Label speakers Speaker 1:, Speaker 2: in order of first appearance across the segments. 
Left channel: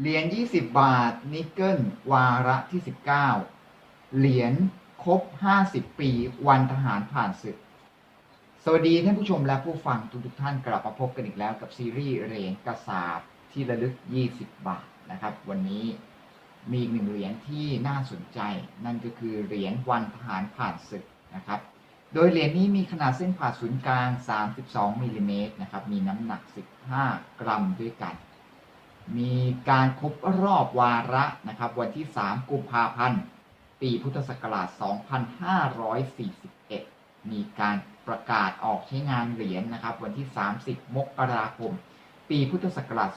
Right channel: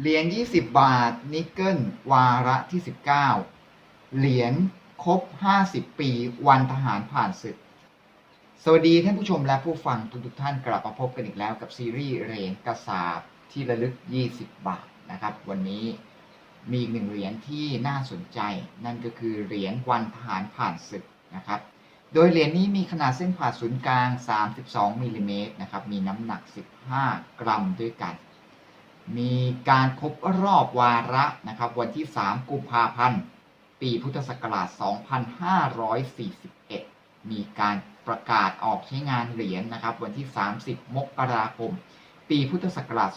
Speaker 1: เหรียญ20 บาท นิกเกิล วาระที่ 19 เหรียญครบ 50 ปี วันทหารผ่านศึก สวัสดีท่านผู้ชมและผู้ฟังทุกๆท่านกลับมาพบกันอีกแล้วกับซีรีส์เหรียญกระสาบที่ระลึก 20 บาทนะครับ วันนี้มีอีกหนึ่งเหรียญที่น่าสนใจ นั่นก็คือเหรียญวันทหารผ่านศึกนะครับ โดยเหรียญนี้มีขนาดเส้นผ่าศูนย์กลาง 32มิลลิเมตรนะครับ มีน้ำหนัก 15 กรัมด้วยกัน มีการครบรอบวาระนะครับ วันที่ 3 กุมภาพันธ์ ปีพุทธศักราช 2541 มีการประกาศออกใช้งานเหรียญนะครับ วันที่ 30 มกราคม ปีพุทธศักราช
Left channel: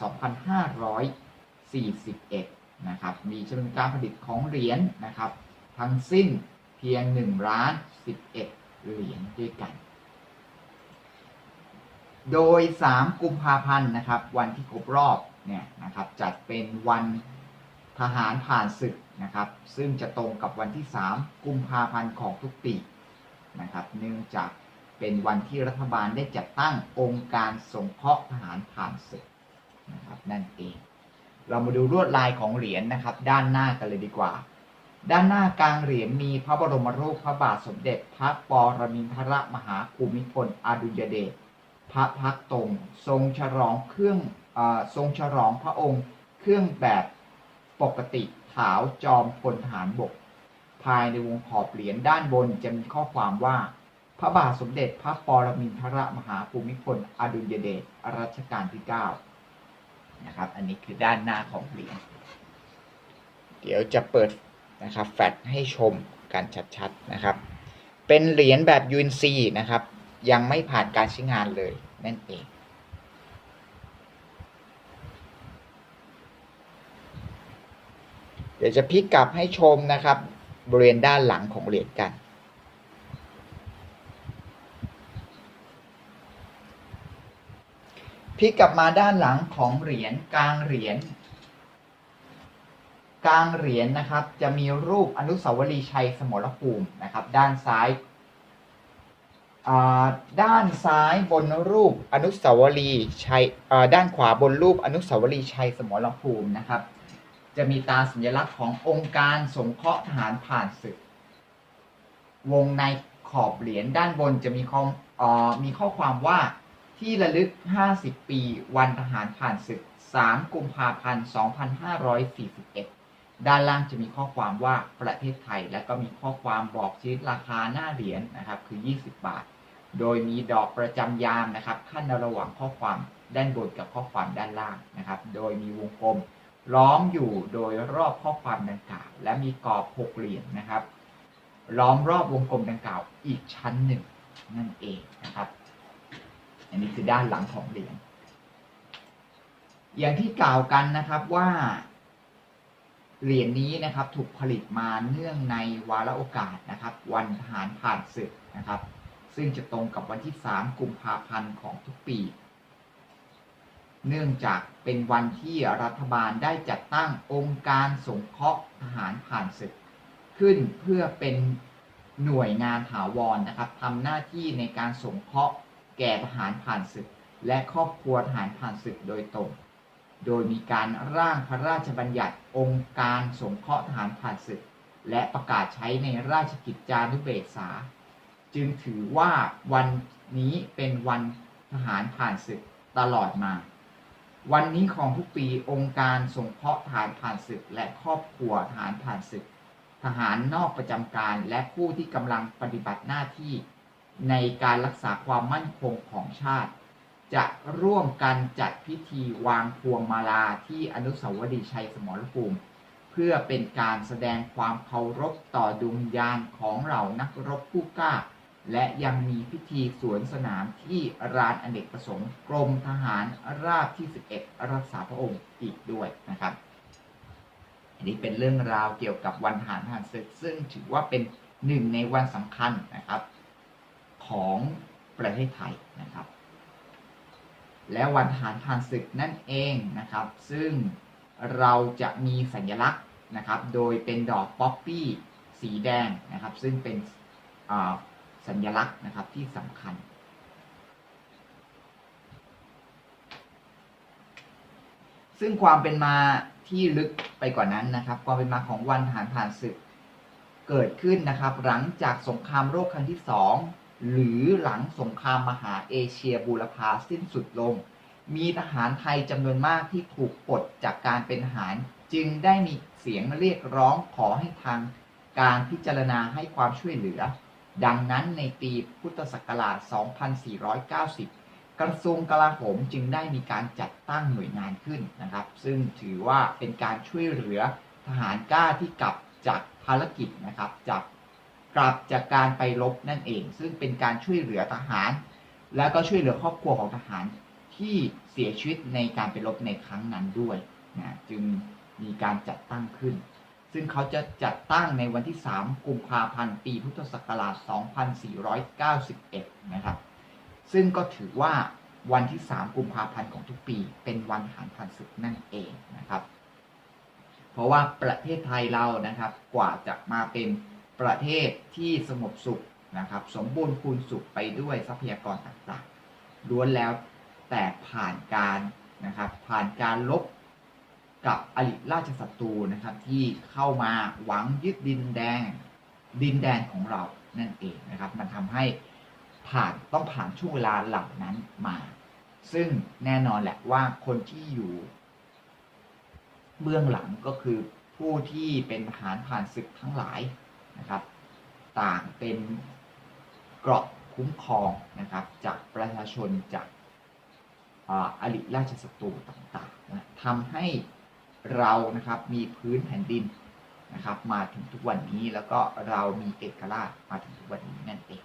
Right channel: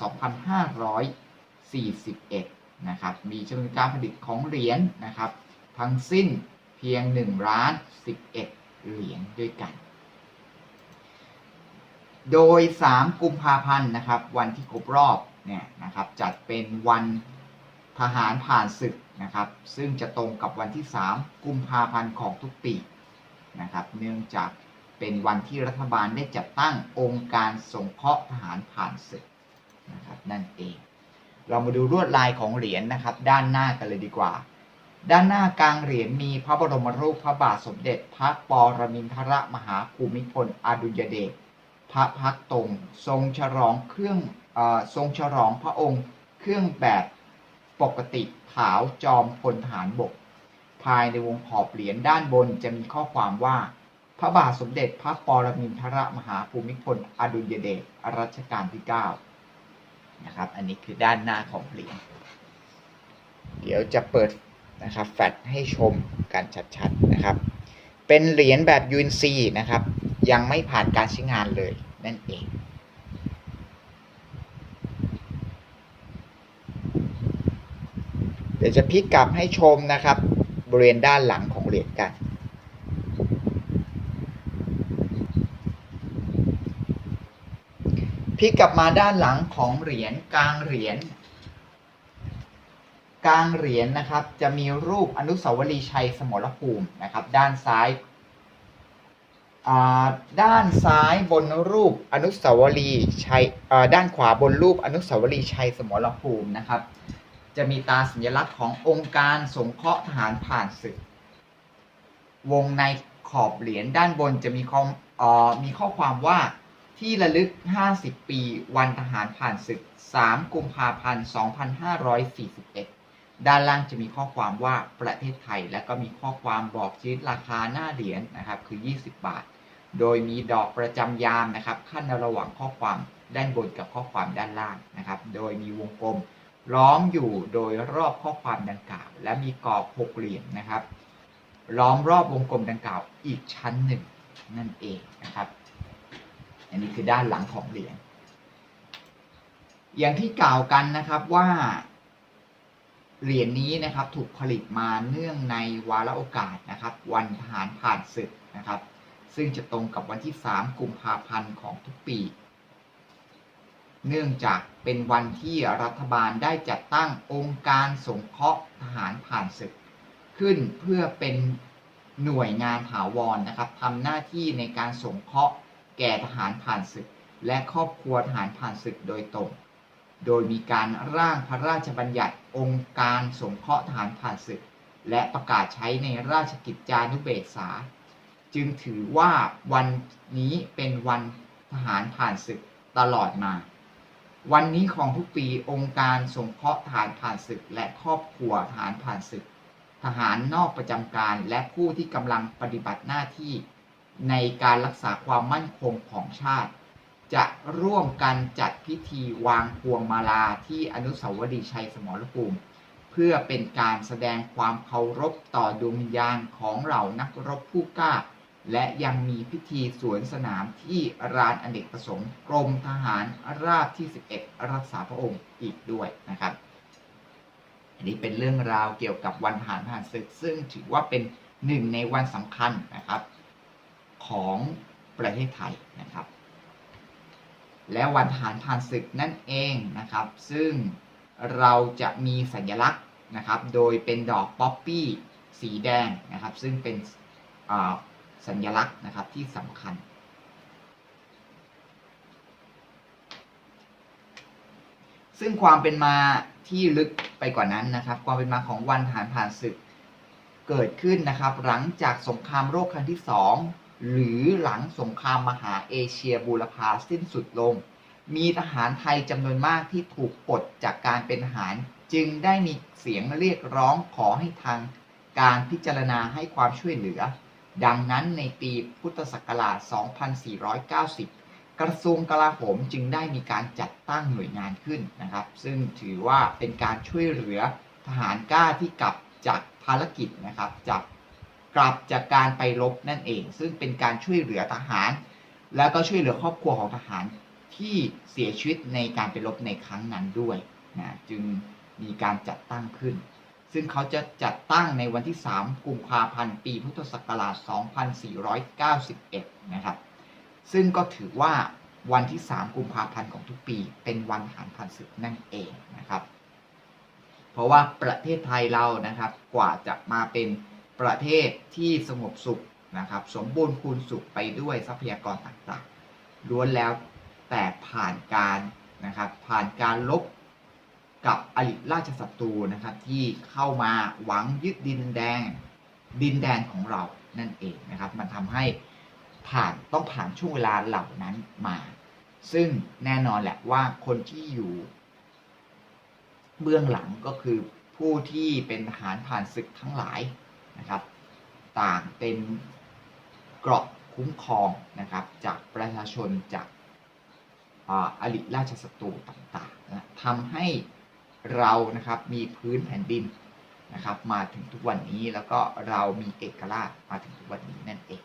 Speaker 1: 2541 นะครับ มีจำนวนการผลิตของเหรียญนะครับ ทั้งสิ้นเพียง 1 ล้าน 11 เหรียญด้วยกัน โดย 3 กุมภาพันธ์นะครับ วันที่ครบรอบเนี่ยนะครับจัดเป็นวันทหารผ่านศึกนะครับ ซึ่งจะตรงกับวันที่ 3 กุมภาพันธ์ของทุกปีนะครับ เนื่องจากเป็นวันที่รัฐบาลได้จัดตั้งองค์การสงเคราะห์ทหารผ่านศึกนะครับนั่นเอง เรามาดูลวดลายของเหรียญนะครับ ด้านหน้ากันเลยดีกว่า ด้านหน้ากลางเหรียญมีพระบรมรูปพระบาทสมเด็จพระปรมินทรมหาภูมิพลอดุลยเดช พระพักตรงทรงฉลองเครื่องอทรงฉลองพระองค์เครื่องแบบปกติขาวจอมพลทหารบก ภายในวงขอบเหรียญด้านบนจะมีข้อความว่า พระบาทสมเด็จพระปรมินทรมหาภูมิพลอดุลยเดชรัชกาลที่9นะครับ อันนี้คือด้านหน้าของเหรียญเดี๋ยวจะเปิดนะครับแฟลชให้ชมกันชัดๆนะครับ เป็นเหรียญแบบ UNC นะครับ ยังไม่ผ่านการใช้งานเลยนั่นเองเดี๋ยวจะพลิกกลับให้ชมนะครับ บริเวณด้านหลังของเหรียญกัน พลิกกลับมาด้านหลังของเหรียญกลางเหรียญกลางเหรียญนะครับ จะมีรูปอนุสาวรีย์ชัยสมรภูมินะครับ ด้านซ้าย ด้านซ้ายบนรูปอนุสาวรีย์ชัยด้านขวาบนรูปอนุสาวรีย์ชัยสมรภูมินะครับ จะมีตราสัญลักษณ์ขององค์การสงเคราะห์ทหารผ่านศึก วงในขอบเหรียญด้านบนจะมีข้อมีข้อความว่าที่ระลึก 50 ปี วันทหารผ่านศึก 3 กุมภาพันธ์ 2541 ด้านล่างจะมีข้อความว่าประเทศไทย และก็มีข้อความบอกชนิดราคาหน้าเหรียญนะครับ คือ 20 บาท โดยมีดอกประจำยามนะครับ ขั้นระหว่างข้อความด้านบนกับข้อความด้านล่างนะครับ โดยมีวงกลมล้อมอยู่โดยรอบข้อความดังกล่าว และมีกรอบหกเหลี่ยมนะครับ ล้อมรอบวงกลมดังกล่าวอีกชั้นหนึ่งนั่นเองนะครับ อันนี้คือด้านหลังของเหรียญอย่างที่กล่าวกันนะครับว่า เหรียญนี้นะครับถูกผลิตมาเนื่องในวาระโอกาสนะครับ วันทหารผ่านศึกนะครับ ซึ่งจะตรงกับวันที่ 3 กุมภาพันธ์ของทุกปี เนื่องจากเป็นวันที่รัฐบาลได้จัดตั้งองค์การสงเคราะห์ทหารผ่านศึก ขึ้นเพื่อเป็นหน่วยงานถาวรนะครับทำหน้าที่ในการสงเคราะห์แก่ทหารผ่านศึก และครอบครัวทหารผ่านศึกโดยตรง โดยมีการร่างพระราชบัญญัติองค์การสงเคราะห์ทหารผ่านศึก และประกาศใช้ในราชกิจจานุเบกษา จึงถือว่าวันนี้เป็นวันทหารผ่านศึกตลอดมา วันนี้ของทุกปีองค์การสงเคราะห์ทหารผ่านศึก และครอบครัวทหารผ่านศึก ทหารนอกประจำการและผู้ที่กำลังปฏิบัติหน้าที่ ในการรักษาความมั่นคงของชาติ จะร่วมกันจัดพิธีวางพวงมาลาที่อนุสาวรีย์ชัยสมรภูมิ เพื่อเป็นการแสดงความเคารพต่อดวงวิญญาณของเหล่านักรบผู้กล้า และยังมีพิธีสวนสนามที่รานอเนกประสงค์กรมทหารราบที่ 11 รักษาพระองค์อีกด้วยนะครับ อันนี้เป็นเรื่องราวเกี่ยวกับวันทหารผ่านศึกซึ่งถือว่าเป็นหนึ่งในวันสำคัญนะครับของประเทศไทยนะครับ และวันทหารผ่านศึกนั่นเองนะครับ ซึ่งเราจะมีสัญลักษณ์นะครับ โดยเป็นดอกป๊อปปี้สีแดงนะครับ ซึ่งเป็นสัญลักษณ์นะครับที่สำคัญซึ่งความเป็นมาที่ลึกไปกว่านั้นนะครับ ความเป็นมาของวันทหารผ่านศึกเกิดขึ้นนะครับ หลังจากสงครามโลกครั้งที่สอง หรือหลังสงครามมหาเอเชียบูรพาสิ้นสุดลง มีทหารไทยจำนวนมากที่ถูกปลดจากการเป็นทหาร จึงได้มีเสียงเรียกร้องขอให้ทางการพิจารณาให้ความช่วยเหลือ ดังนั้นในปีพุทธศักราช 2490 กระทรวงกลาโหมจึงได้มีการจัดตั้งหน่วยงานขึ้นนะครับ ซึ่งถือว่าเป็นการช่วยเหลือทหารกล้าที่กลับจากภารกิจนะครับจาก กลับจากการไปรบนั่นเอง ซึ่งเป็นการช่วยเหลือทหาร แล้วก็ช่วยเหลือครอบครัวของทหารที่เสียชีวิตในการไปรบในครั้งนั้นด้วยนะจึงมีการจัดตั้งขึ้น ซึ่งเขาจะจัดตั้งในวันที่ 3 กุมภาพันธ์ปีพุทธศักราช 2491 นะครับ ซึ่งก็ถือว่าวันที่ 3 กุมภาพันธ์ของทุกปี เป็นวันทหารผ่านศึกนั่นเองนะครับ เพราะว่าประเทศไทยเรานะครับกว่าจะมาเป็น ประเทศที่สงบสุขนะครับ สมบูรณ์คูณสุขไปด้วยทรัพยากรต่างๆล้วนแล้วแต่ผ่านการนะครับ ผ่านการลบกับอริราชศัตรูนะครับ ที่เข้ามาหวังยึดดินแดงดินแดนของเรานั่นเองนะครับ มันทำให้ผ่านต้องผ่านช่วงเวลาเหล่านั้นมา ซึ่งแน่นอนแหละว่าคนที่อยู่ เบื้องหลังก็คือผู้ที่เป็นทหารผ่านศึกทั้งหลาย นะครับ ต่างเป็นเกราะคุ้มครองนะครับ จากประชาชนจากอริราชศัตรูต่างๆนะทำให้เรานะครับมีพื้นแผ่นดินนะครับ มาถึงทุกวันนี้แล้วก็เรามีเอกราชมาถึงทุกวันนี้นั่นเอง